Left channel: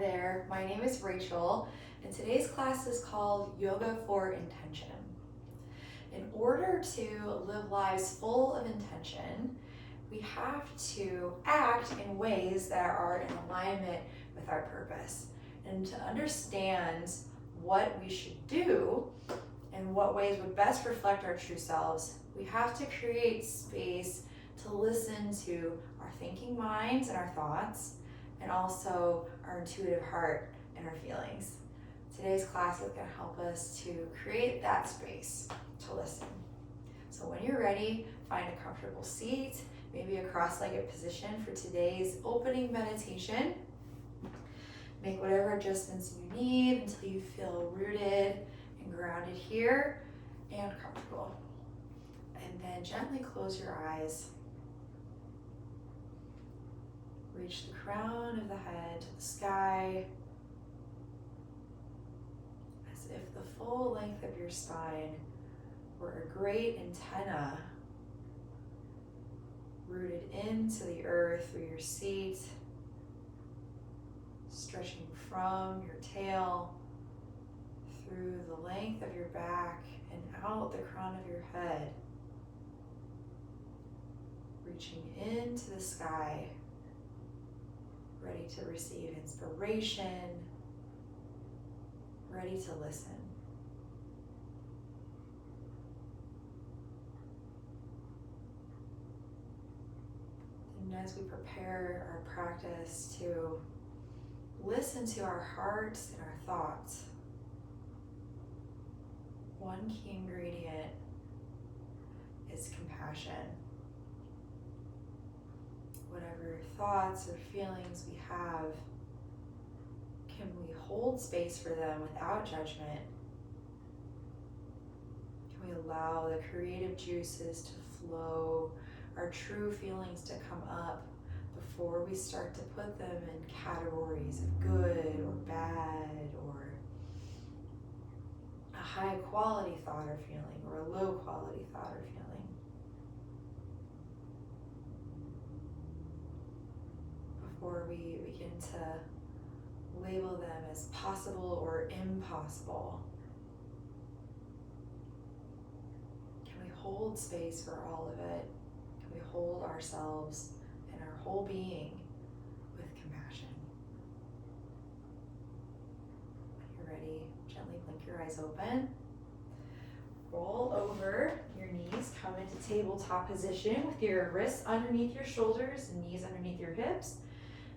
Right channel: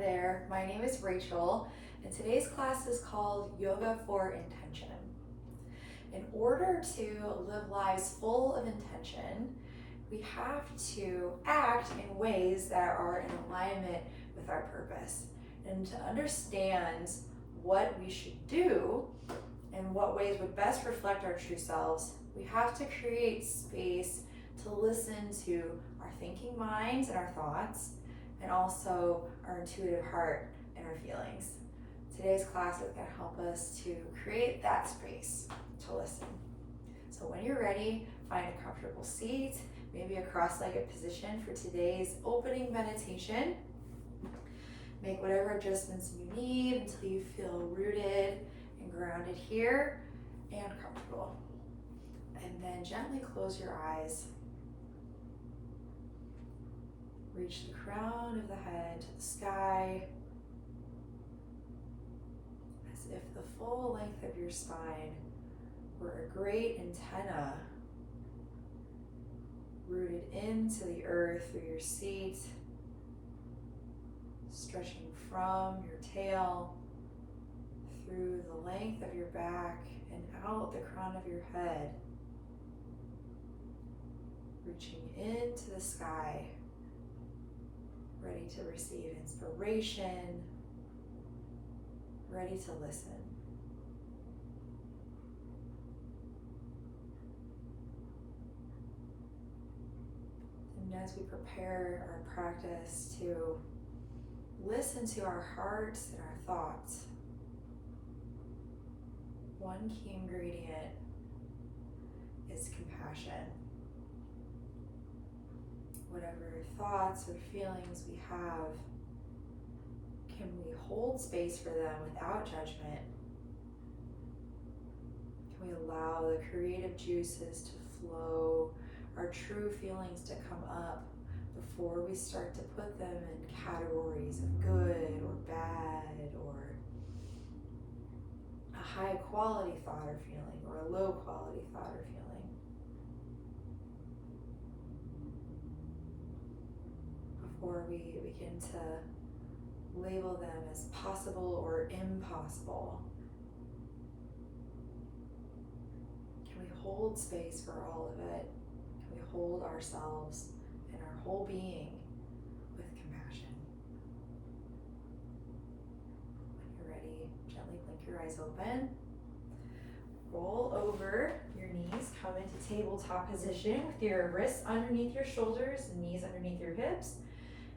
there, my name is Rachel, and today's class is called Yoga for Intention. In order to live lives full of intention, we have to act in ways that are in alignment with our purpose. And to understand what we should do and what ways would best reflect our true selves, we have to create space to listen to our thinking minds and our thoughts, and also our intuitive heart and our feelings. Today's class is going to help us to create that space to listen. So when you're ready, find a comfortable seat, maybe a cross-legged position for today's opening meditation. Make whatever adjustments you need until you feel rooted and grounded here and comfortable. And then gently close your eyes. Reach the crown of the head to the sky, as if the full length of your spine were a great antenna rooted into the earth through your seat, stretching from your tail through the length of your back and out the crown of your head, reaching into the sky, ready to receive inspiration, ready to listen. And as we prepare our practice to listen to our hearts and our thoughts, one key ingredient is compassion. Whatever thoughts or feelings we have, can we hold space for them without judgment? Can we allow the creative juices to flow, our true feelings to come up before we start to put them in categories of good or bad, or a high quality thought or feeling or a low quality thought or feeling? Before we begin to label them as possible or impossible, can we hold space for all of it? Can we hold ourselves and our whole being with compassion? When you're ready, gently blink your eyes open. Roll over your knees, come into tabletop position with your wrists underneath your shoulders and knees underneath your hips.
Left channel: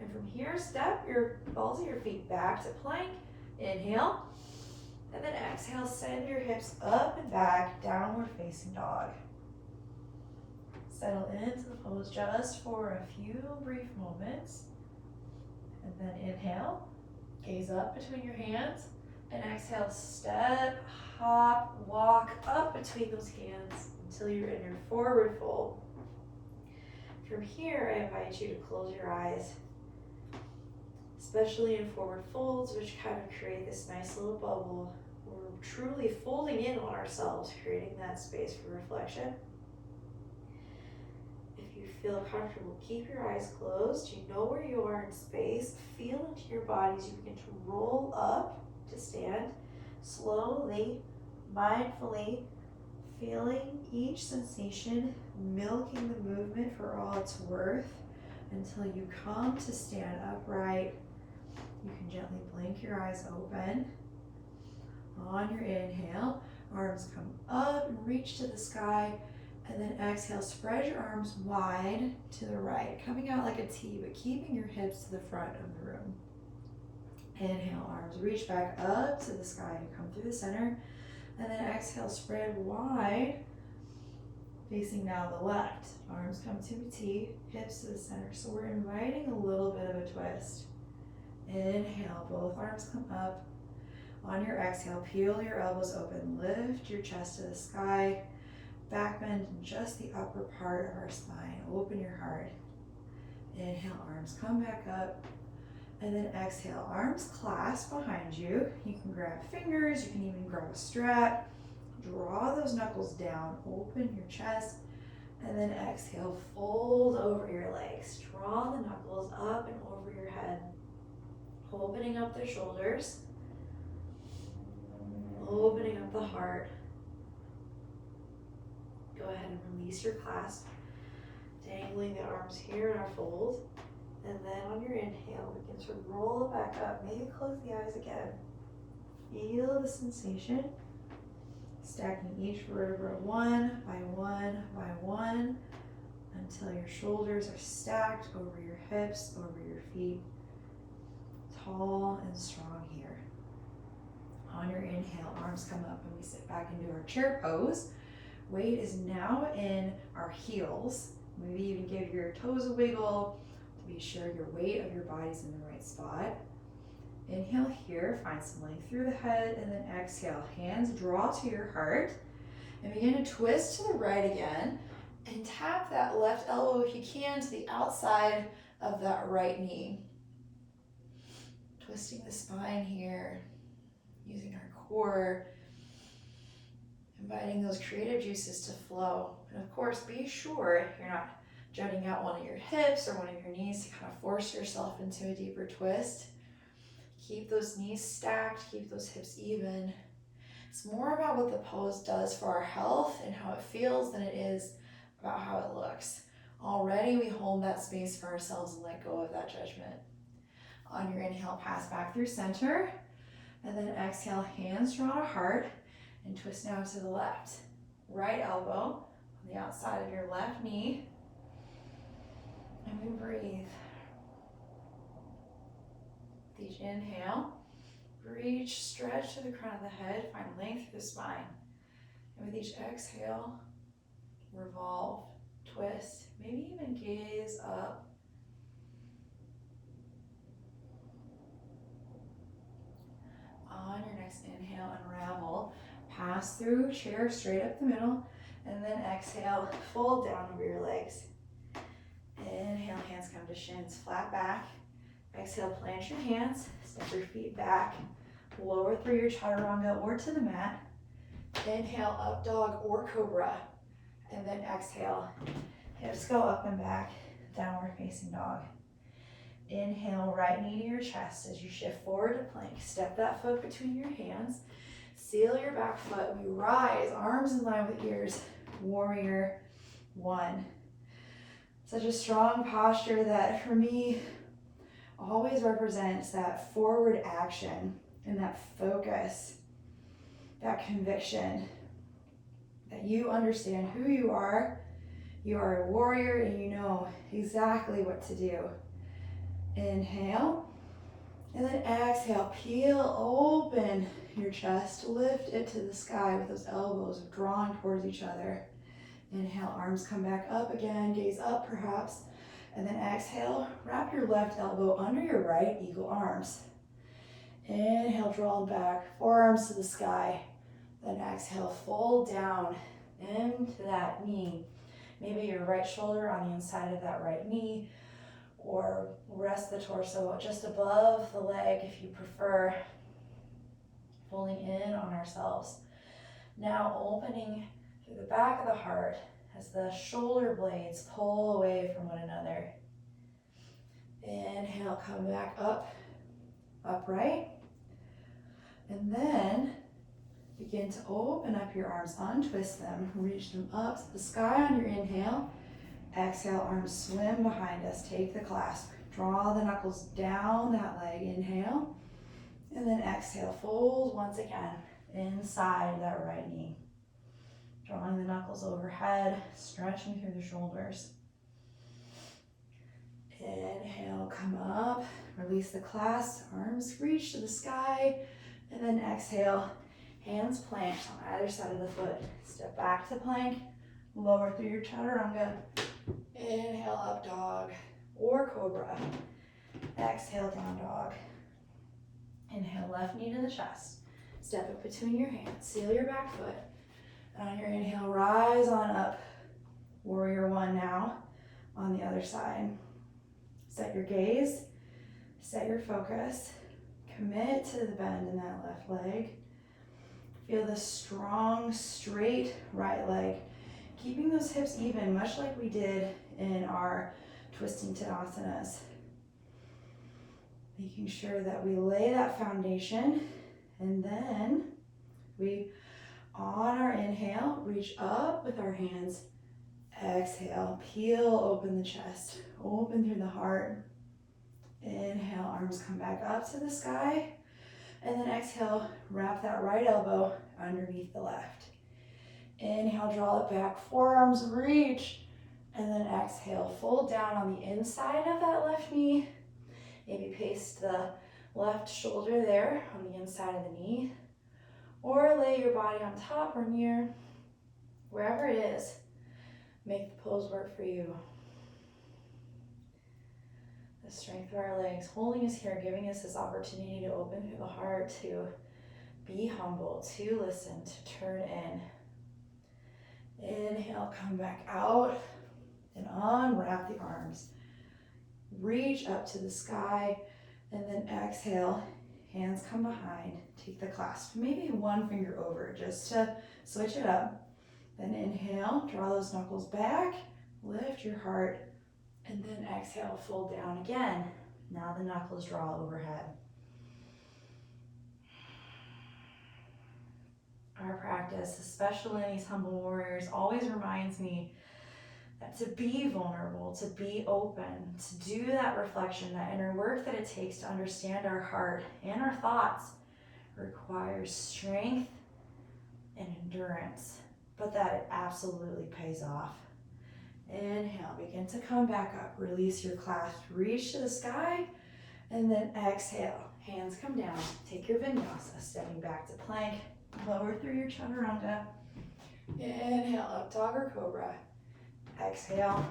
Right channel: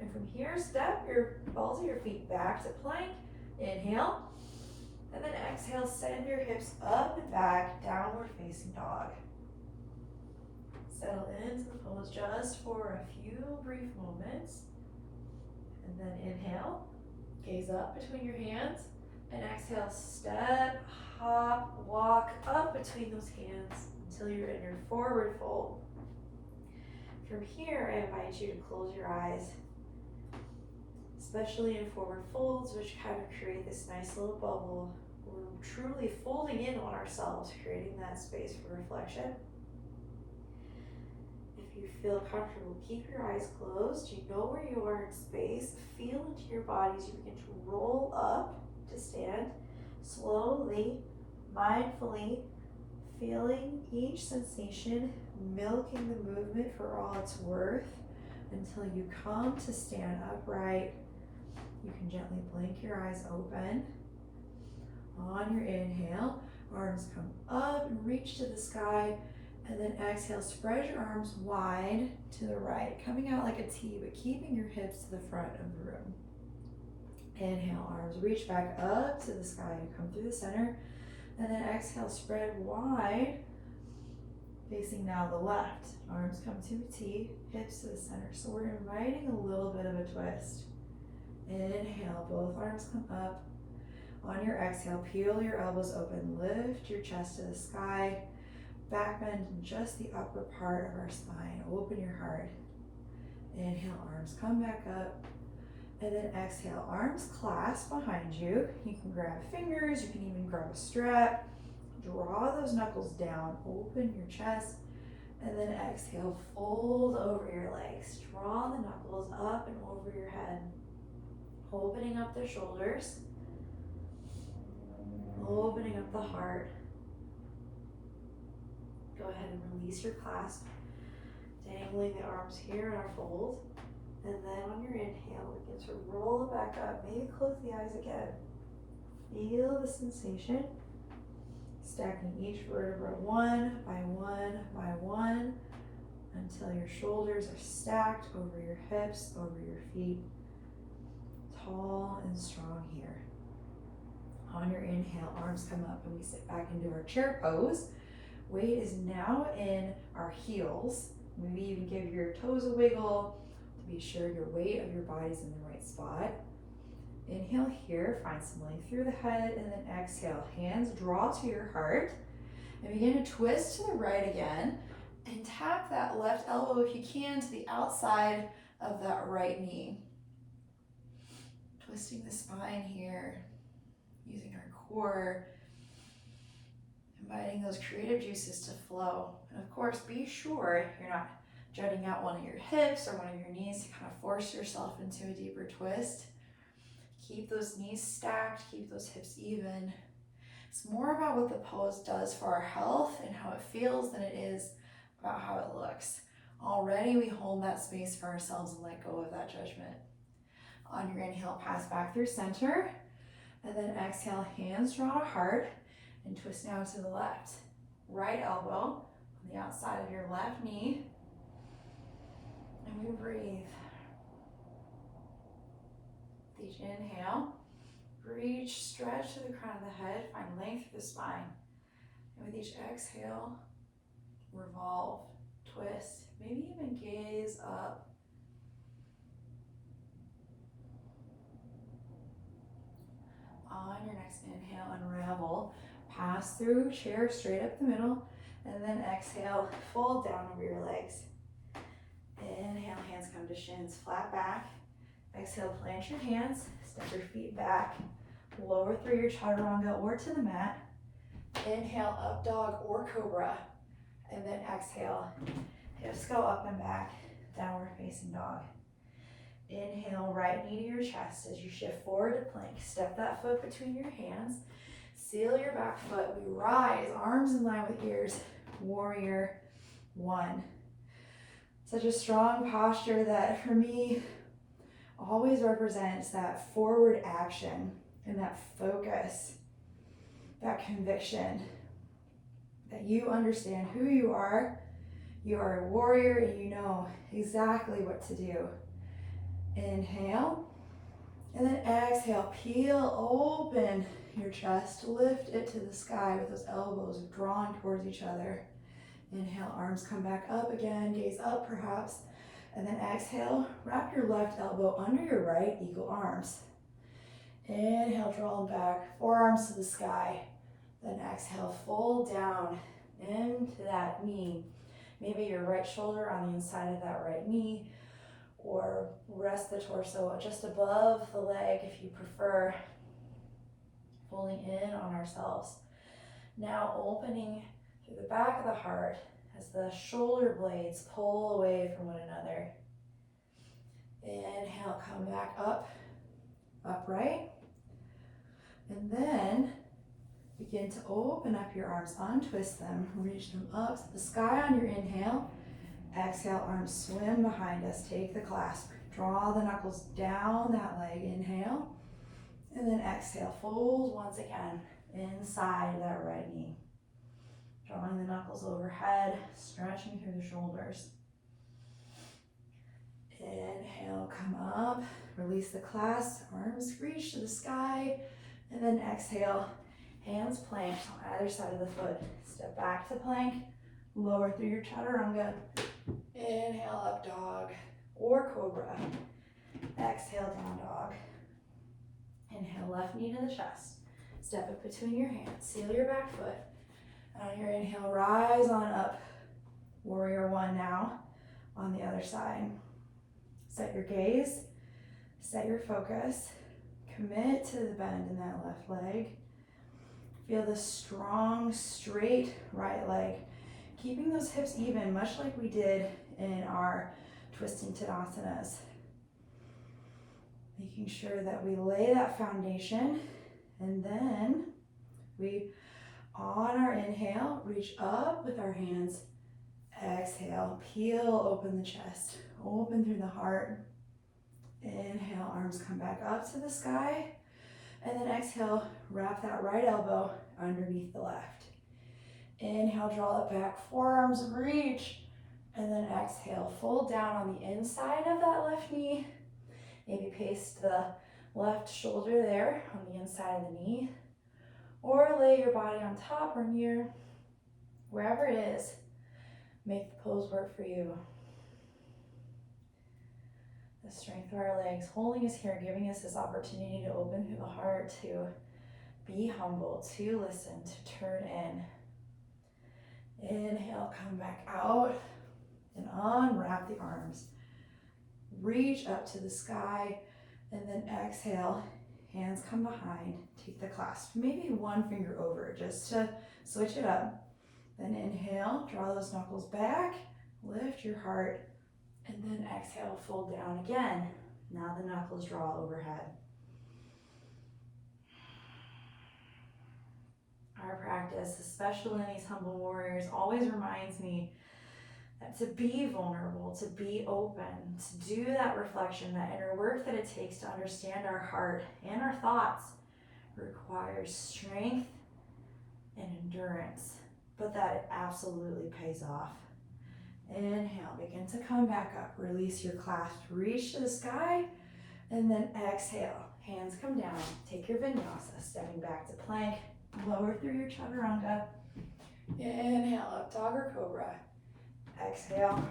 And from here, step your balls of your feet back to plank. Inhale. And then exhale, send your hips up and back, downward facing dog. Settle into the pose just for a few brief moments. And then inhale, gaze up between your hands. And exhale, step, hop, walk up between those hands until you're in your forward fold. From here, I invite you to close your eyes, especially in forward folds, which kind of create this nice little bubble. We're truly folding in on ourselves, creating that space for reflection. If you feel comfortable, keep your eyes closed. You know where you are in space. Feel into your body as you begin to roll up to stand. Slowly, mindfully, feeling each sensation, milking the movement for all it's worth until you come to stand upright. You can gently blink your eyes open. On your inhale, arms come up and reach to the sky, and then exhale, spread your arms wide to the right, coming out like a T, but keeping your hips to the front of the room. Inhale, arms reach back up to the sky and come through the center, and then exhale, spread wide, facing now the left. Arms come to a T, hips to the center. So we're inviting a little bit of a twist. Inhale, both arms come up. On your exhale, peel your elbows open, lift your chest to the sky, back bend in just the upper part of our spine. Open your heart. Inhale, arms come back up. And then exhale, arms clasp behind you. You can grab fingers, you can even grab a strap. Draw those knuckles down, open your chest, and then exhale, fold over your legs. Draw the knuckles up and over your head. Opening up the shoulders. Opening up the heart. Go ahead and release your clasp. Dangling the arms here in our fold. And then on your inhale, begin to roll it back up. Maybe close the eyes again. Feel the sensation. Stacking each vertebra one by one by one until your shoulders are stacked over your hips, over your feet. Tall and strong here. On your inhale, arms come up and we sit back into our chair pose. Weight is now in our heels. Maybe even give your toes a wiggle to be sure your weight of your body's in the right spot. Inhale here, find some length through the head, and then exhale. Hands draw to your heart. And begin to twist to the right again. And tap that left elbow, if you can, to the outside of that right knee. Twisting the spine here, using our core, inviting those creative juices to flow. And of course, be sure you're not jutting out one of your hips or one of your knees to kind of force yourself into a deeper twist. Keep those knees stacked, keep those hips even. It's more about what the pose does for our health and how it feels than it is about how it looks. Already we hold that space for ourselves and let go of that judgment. On your inhale, pass back through center. And then exhale, hands draw to heart and twist now to the left. Right elbow on the outside of your left knee. And we breathe. With each inhale, reach, stretch to the crown of the head, find length through the spine. And with each exhale, revolve, twist, maybe even gaze up. On your next inhale, unravel, pass through chair straight up the middle, and then exhale, fold down over your legs. Inhale, hands come to shins, flat back. Exhale, plant your hands, step your feet back, lower through your chaturanga or to the mat. Inhale, up dog or cobra, and then exhale, hips go up and back, downward facing dog. Inhale, right knee to your chest as you shift forward to plank. Step that foot between your hands. Seal your back foot. We rise, arms in line with ears. Warrior one. Such a strong posture that for me always represents that forward action and that focus, that conviction that you understand who you are a warrior and you know exactly what to do. Inhale, and then exhale, peel open your chest, lift it to the sky with those elbows drawn towards each other. Inhale, arms come back up again, gaze up perhaps, and then exhale, wrap your left elbow under your right, eagle arms. Inhale, draw them back, forearms to the sky, then exhale, fold down into that knee. Maybe your right shoulder on the inside of that right knee, or rest the torso just above the leg if you prefer, pulling in on ourselves. Now opening through the back of the heart as the shoulder blades pull away from one another. Inhale, come back up, upright. And then begin to open up your arms, untwist them, reach them up to the sky on your inhale. Exhale, arms swim behind us, take the clasp. Draw the knuckles down that leg, inhale. And then exhale, fold once again inside that right knee. Drawing the knuckles overhead, stretching through the shoulders. Inhale, come up, release the clasp, arms reach to the sky. And then exhale, hands planked on either side of the foot. Step back to plank, lower through your chaturanga. Inhale, up dog or cobra. Exhale, down dog. Inhale, left knee to the chest. Step it between your hands. Seal your back foot. And on your inhale, rise on up. Warrior one now on the other side. Set your gaze. Set your focus. Commit to the bend in that left leg. Feel the strong, straight right leg. Keeping those hips even, much like we did in our twisting Tadasanas. Making sure that we lay that foundation, and then we, on our inhale, reach up with our hands. Exhale, peel open the chest, open through the heart. Inhale, arms come back up to the sky. And then exhale, wrap that right elbow underneath the left. Inhale, draw it back, forearms reach. And then exhale, fold down on the inside of that left knee. Maybe paste the left shoulder there on the inside of the knee. Or lay your body on top or near, wherever it is. Make the pose work for you. The strength of our legs holding us here, giving us this opportunity to open through the heart, to be humble, to listen, to turn in. Inhale, come back out and unwrap the arms. Reach up to the sky, and then exhale, hands come behind, take the clasp, maybe one finger over just to switch it up. Then inhale, draw those knuckles back, lift your heart, and then exhale, fold down again. Now the knuckles draw overhead. Our practice, especially in these humble warriors, always reminds me that to be vulnerable, to be open, to do that reflection, that inner work that it takes to understand our heart and our thoughts requires strength and endurance, but that it absolutely pays off. Inhale, begin to come back up. Release your clasp, reach to the sky, and then exhale. Hands come down. Take your vinyasa, stepping back to plank. Lower through your chaturanga. Inhale, up dog or cobra. Exhale,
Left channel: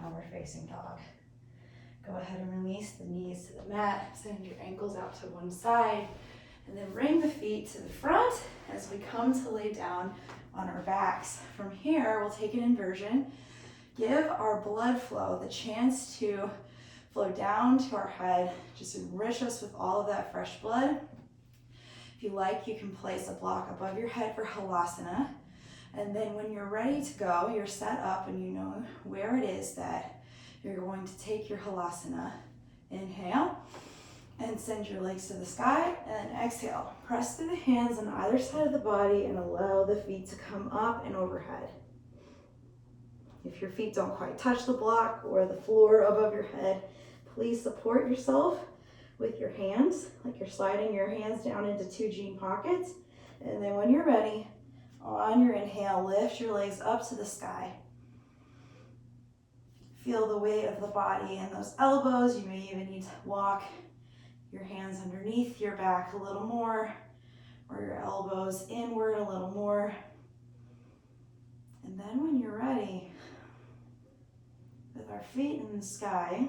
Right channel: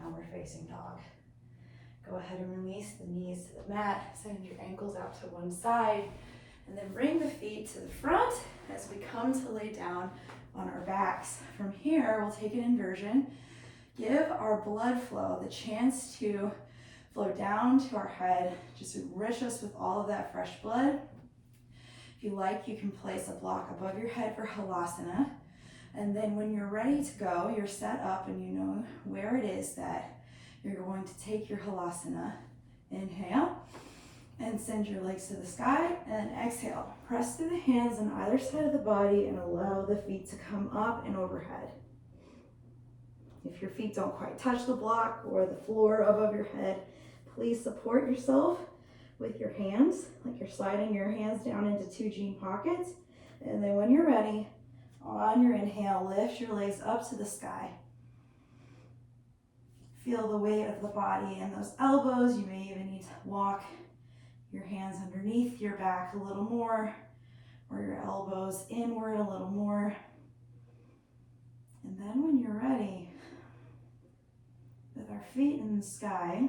downward facing dog. Go ahead and release the knees to the mat. Send your ankles out to one side. And then bring the feet to the front as we come to lay down on our backs. From here, we'll take an inversion. Give our blood flow the chance to flow down to our head. Just enrich us with all of that fresh blood. If you like, you can place a block above your head for halasana. And then when you're ready to go, you're set up and you know where it is that you're going to take your halasana. Inhale and send your legs to the sky, and exhale. Press through the hands on either side of the body and allow the feet to come up and overhead. If your feet don't quite touch the block or the floor above your head, please support yourself with your hands, like you're sliding your hands down into two jean pockets. And then when you're ready, on your inhale, lift your legs up to the sky. Feel the weight of the body in those elbows. You may even need to walk your hands underneath your back a little more, or your elbows inward a little more. And then when you're ready, with our feet in the sky,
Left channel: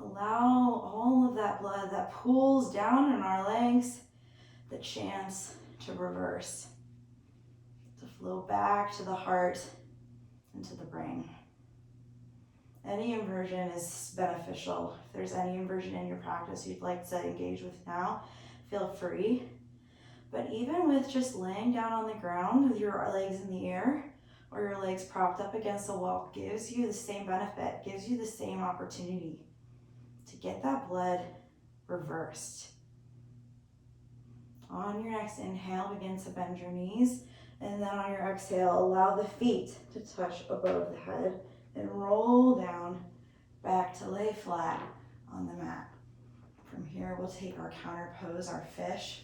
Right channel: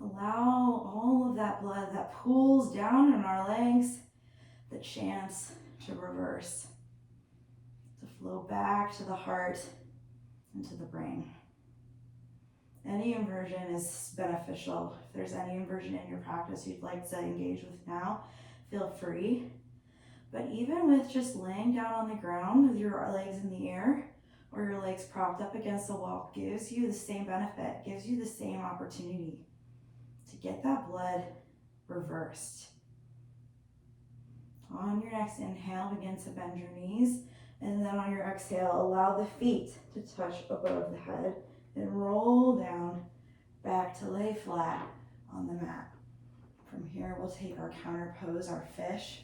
allow all of that blood that pools down in our legs the chance to reverse, to flow back to the heart and to the brain. Any inversion is beneficial. If there's any inversion in your practice you'd like to engage with now, feel free. But even with just laying down on the ground with your legs in the air or your legs propped up against the wall gives you the same benefit, gives you the same opportunity to get that blood reversed. On your next inhale, begin to bend your knees, and then on your exhale, allow the feet to touch above the head and roll down back to lay flat on the mat. From here, we'll take our counter pose, our fish,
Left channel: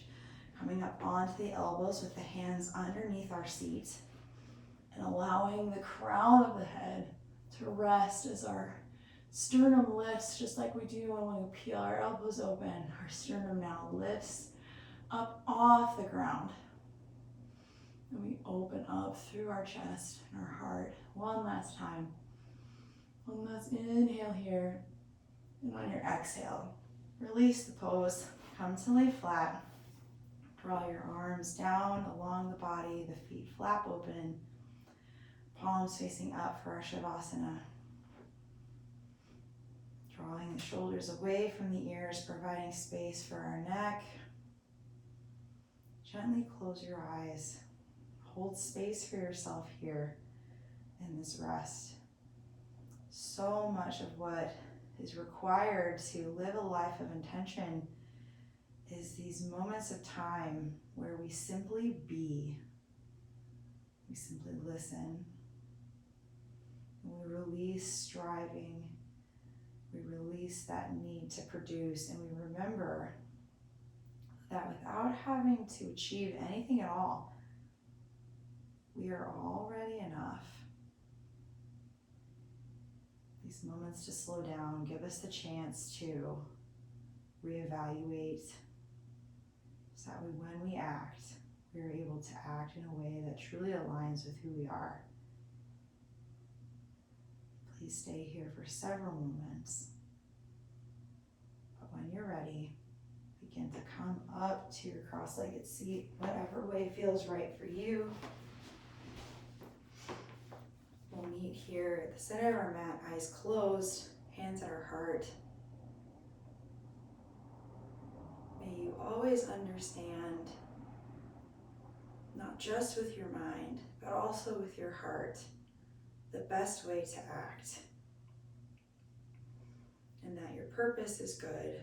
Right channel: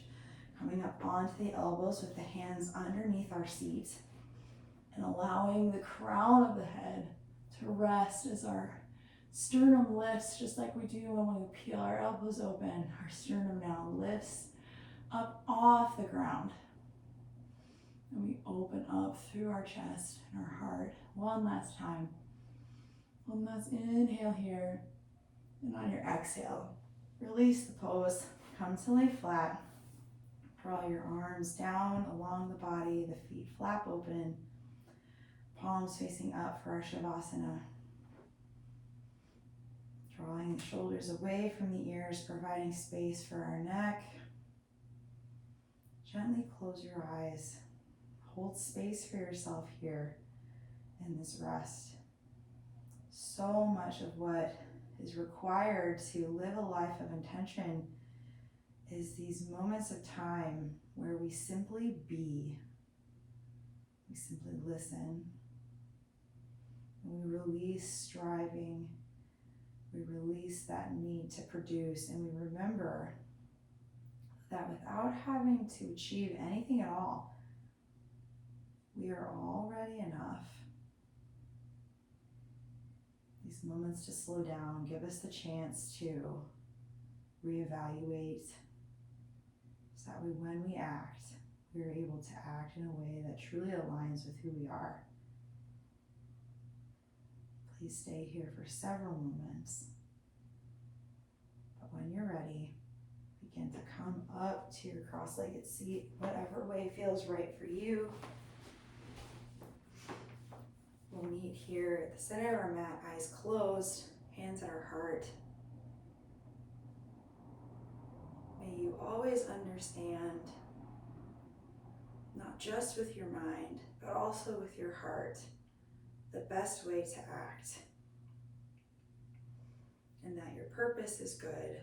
coming up onto the elbows with the hands underneath our seat and allowing the crown of the head to rest as our sternum lifts, just like we do when we peel our elbows open. Our sternum now lifts up off the ground. And we open up through our chest and our heart. One last time. One last inhale here. And on your exhale, release the pose. Come to lay flat. Draw your arms down along the body, the feet flap open. Palms facing up for our Shavasana. Drawing the shoulders away from the ears, providing space for our neck. Gently close your eyes. Hold space for yourself here in this rest. So much of what is required to live a life of intention is these moments of time where we simply be. We simply listen. We release striving. We release that need to produce, and we remember that without having to achieve anything at all, we are already enough. These moments to slow down give us the chance to reevaluate, so that when we act, we are able to act in a way that truly aligns with who we are. Please stay here for several moments. But when you're ready, begin to come up to your cross-legged seat, whatever way feels right for you. We'll meet here at the center of our mat, eyes closed, hands at our heart. May you always understand, not just with your mind, but also with your heart, the best way to act, and that your purpose is good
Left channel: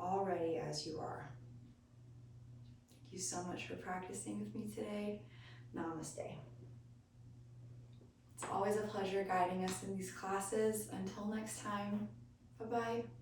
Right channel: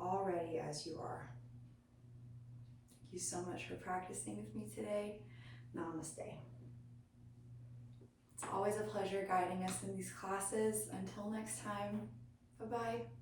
already as you are. Thank you so much for practicing with me today. Namaste. It's always a pleasure guiding us in these classes. Until next time, bye-bye.